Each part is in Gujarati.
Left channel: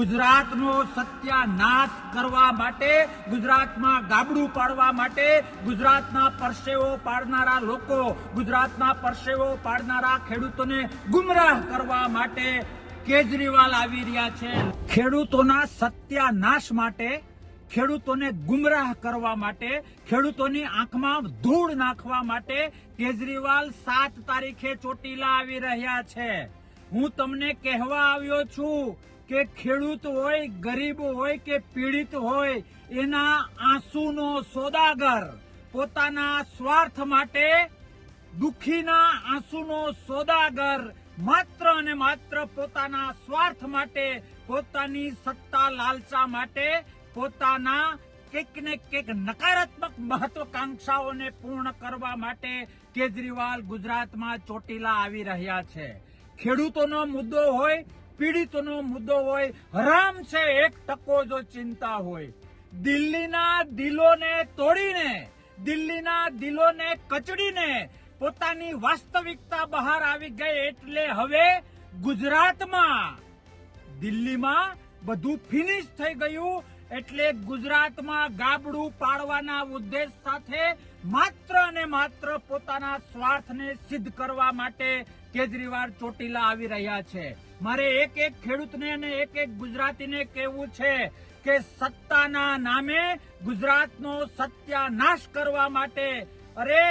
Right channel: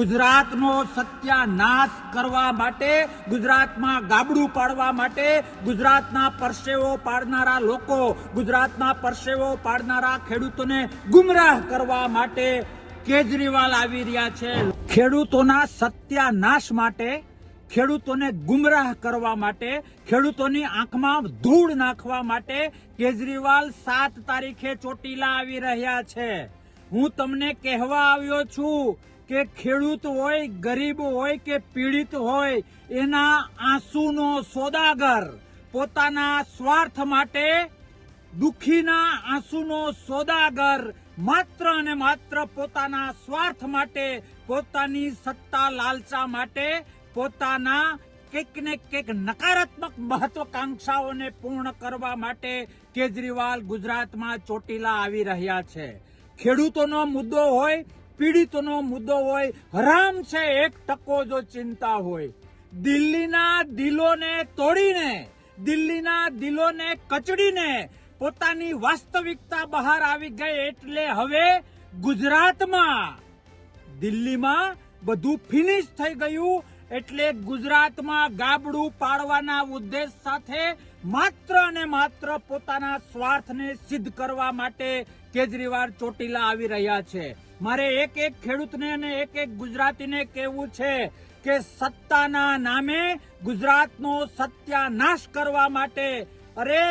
ગુજરાતનો સત્યાનાશ કરવા માટે, ગુજરાતમાં ગાબડું પાડવા માટે, ગુજરાતના પરસેવો પાડનારા લોકો, ગુજરાતના પરસેવો પાડનારા ખેડૂતોને ગુમરાહ કરવા માટે કેજરીવાલ આવી રહ્યા છે. ખેડૂતોના સત્યાનાશ માટે, ખેડૂતોને ગુમરાહ કરવા માટે, ખેડૂતોની આંખમાં ધૂળ નાખવા માટે કેજરીવાલ 7 તારીખે ચોટીલા આવી રહ્યા છે. હું તમને કહેવા આવ્યો છું કે ખેડૂત હોય, ગરીબ હોય કે પીડિત હોય, એના આંસુનો સોદાગર, પોતાના સ્વાર્થ માટે દુઃખીના આંસુનો સોદાગર, માત્ર અને માત્ર પોતાના સ્વાર્થ માટે, પોતાની સત્તા લાલચા માટે, પોતાના કંઈક ને કંઈક નકારાત્મક મહત્વાકાંક્ષાઓને પૂર્ણ કરવા માટે કેજરીવાલ ગુજરાતમાં ચોટીલા આવી રહ્યા છે. ખેડૂતોનો મુદ્દો હોય, પીડિતોનો મુદ્દો હોય, હરામ છે 1% જો ચિંતા હોય. દિલ્હીના દિલોને તોડીને, દિલ્હીના દિલોને કચડીને પોતાની વાસ્તવિકતા બહાર આવી ગઈ. એટલે હવે ગુજરાતમાં, દિલ્હીમાં બધું ફિનિશ થઈ ગયું. એટલે ગુજરાતમાં ગાબડું પાડવાના ઉદ્દેશ સાથે માત્ર અને માત્ર પોતાના સ્વાર્થને સિદ્ધ કરવા માટે કેજરીવાલ ચોટીલા આવી રહ્યા છે. મારે એક એક ખેડૂતને અને એક એક ગુજરાતીને કહેવું છે કે સત્તાના નામે ગુજરાતનો સત્યાનાશ કરવા માટે, અરે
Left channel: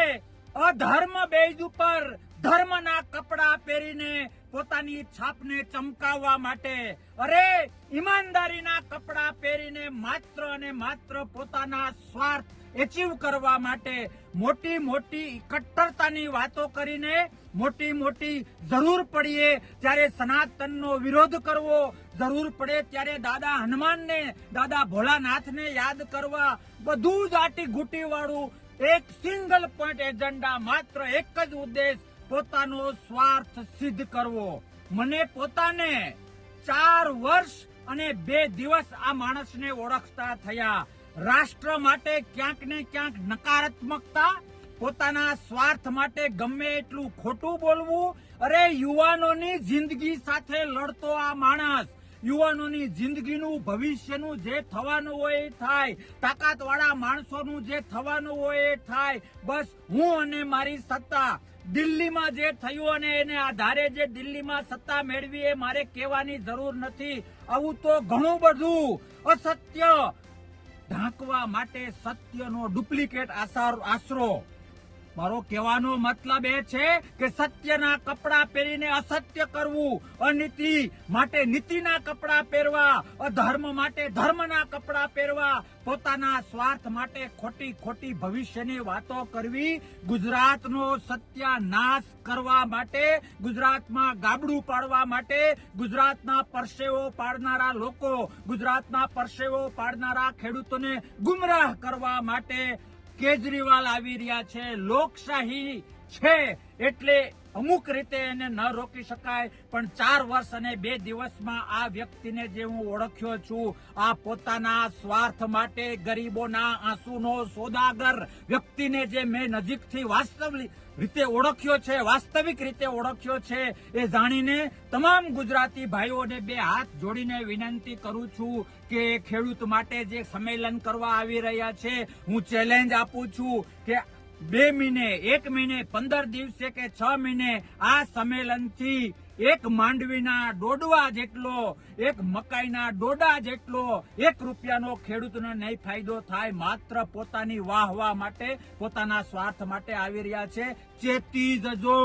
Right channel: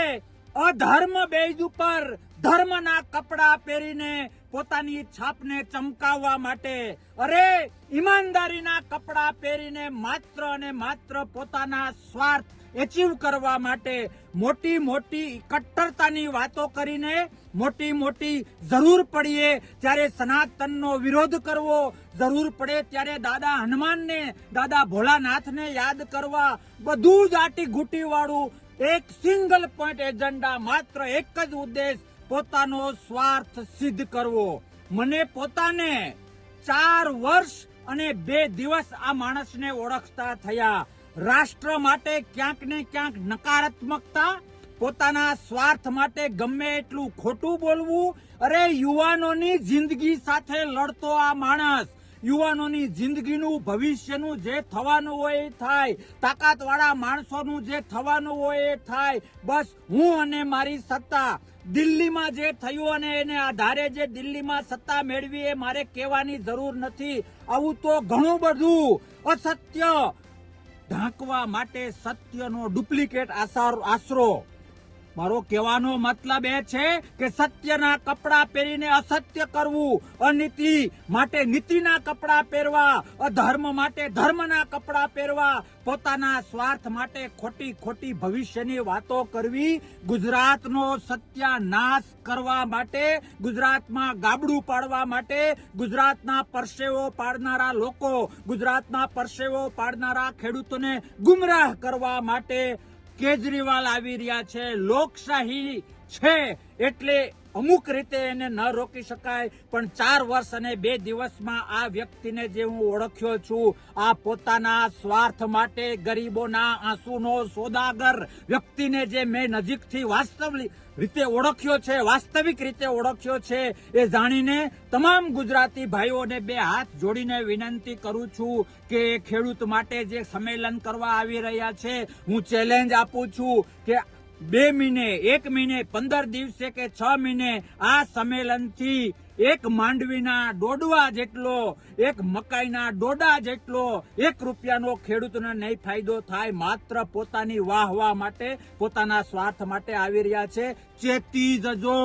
અધર્મ બેઝ ઉપર ધર્મના કપડા પહેરીને પોતાની છાપને ચમકાવવા માટે, અરે ઈમાનદારીના કપડા પહેરીને માત્ર અને માત્ર પોતાના સ્વાર્થ એચીવ કરવા માટે મોટી મોટી કટ્ટરતાની વાતો કરીને, મોટી મોટી જરૂર પડીએ ત્યારે સનાતનનો વિરોધ કરવો, જરૂર પડે ત્યારે દાદા હનુમાનને, દાદા ભોળાનાથને યાદ કરવા, બધું જ આટી ઘૂંટી વાળું એક સિંગલ પોઈન્ટ એજન્ડા, માત્ર એક જ ઉદ્દેશ, પોતાનો સ્વાર્થ સિદ્ધ કરવો. મને પોતાને 4 વર્ષ અને 2 દિવસ આ માણસને ઓળખતા થયા. રાષ્ટ્ર માટે ક્યાંક ને ક્યાંક નકારાત્મકતા, પોતાના સ્વાર્થ માટે ગમે એટલું ખોટું બોલવું. અરે યુવાનોની જિંદગી સાથે લડતો આ માણસ, યુવાનોની જિંદગીનું, ભવિષ્યનું જે થવાનું હોય એ થાય, તાકાતવાળા માણસોનું જે થવાનું હોય એ થાય. બસ હું અને મારી સત્તા, દિલ્હીમાં જે થયું અને એને આધારે જે દિલ્હીમાં સત્તા મેળવી એ મારે કહેવાની જરૂર નથી. આવું તો ઘણું બધું અસત્ય ઢાંકવા માટે સત્યનો ડુપ્લિકેટ આશરો. મારો કહેવાનો મતલબ એ છે કે સત્યના કપડા પહેરીને અસત્ય કરવું, અનીતિ માટે નીતિના કપડા પહેરવા, અધર્મ માટે ધર્મના કપડા પહેરવા, પોતાના સ્વાર્થ માટે ખોટી ખોટી ભવિષ્યની વાતો કરવી, ગુજરાતનો સત્યાનાશ કરવા માટે, ગુજરાતમાં ગાબડું પાડવા માટે, ગુજરાતના પરસેવો પાડનારા લોકો, ગુજરાતના પરસેવો પાડનારા ખેડૂતોને ગુમરાહ કરવા માટે કેજરીવાલ આવી રહ્યા છે. લોકશાહી છે એટલે અમુક રીતે એને ન રોકી શકાય, પણ 4 વર્ષ અને 2 દિવસમાં આ વ્યક્તિને જે હું ઓળખ્યો છું, આ પોતાના સ્વાર્થ માટે ગરીબોના આંસુનો સોદાગર વ્યક્તિને જે મેં નજીકથી વાસ્તવિક રીતે ઓળખ્યો છે, એ જાણીને તમામ ગુજરાતી ભાઈઓને 2 હાથ જોડીને વિનંતી કરું છું કે ખેડૂત માટે જે સંમેલન કરવા આવી રહ્યા છે, હું ચેલેન્જ આપું છું કે 2 મહિને, 1 મહિને, 15 દિવસે કે 6 મહિને આ સંમેલનથી એક માંડવીના ડોડવા જેટલો, એક મકાઈના ડોડા જેટલો 1 રૂપિયાનો ખેડૂતને નહીં ફાયદો થાય. માત્ર પોતાની વાહવા માટે, પોતાના સ્વાર્થ માટે આવી રહ્યા છે. ચેતી જજો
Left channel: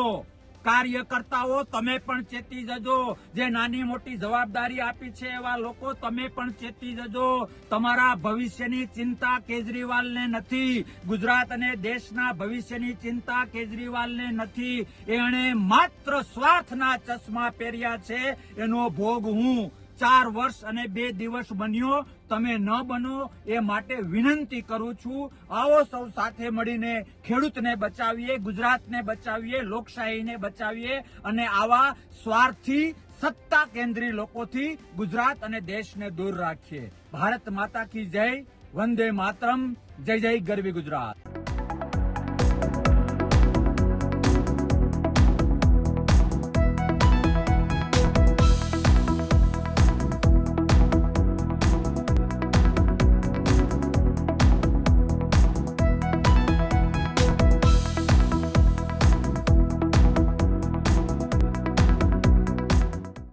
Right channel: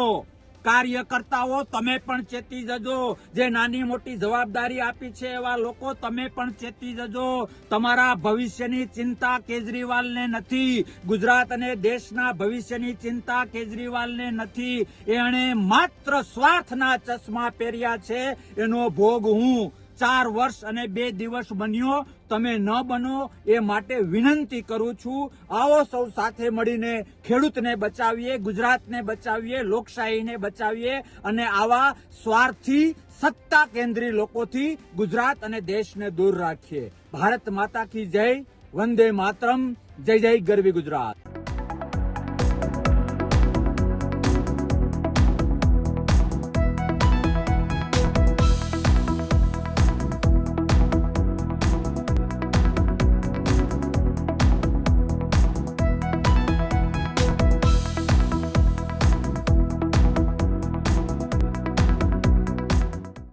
કાર્યકર્તાઓ, તમે પણ ચેતી જજો. જે નાની મોટી જવાબદારી આપી છે એવા લોકો, તમે પણ ચેતી જજો. તમારા ભવિષ્યની ચિંતા કેજરીવાલને નથી, ગુજરાત અને દેશના ભવિષ્યની ચિંતા કેજરીવાલને નથી. એણે માત્ર સ્વાર્થના ચશ્મા પહેર્યા છે. એનો ભોગ હું 4 વર્ષ અને 2 દિવસ બન્યો, તમે ન બનો એ માટે વિનંતી કરું છું. આવો સૌ સાથે મળીને ખેડૂતને બચાવીએ, ગુજરાતને બચાવીએ, લોકશાહીને બચાવીએ અને આવા સ્વાર્થી સત્તા કેન્દ્રી લોકોથી ગુજરાત અને દેશને દૂર રાખીએ. ભારત માતા કી જય, વંદે માતરમ, જય જય ગરવી ગુજરાત.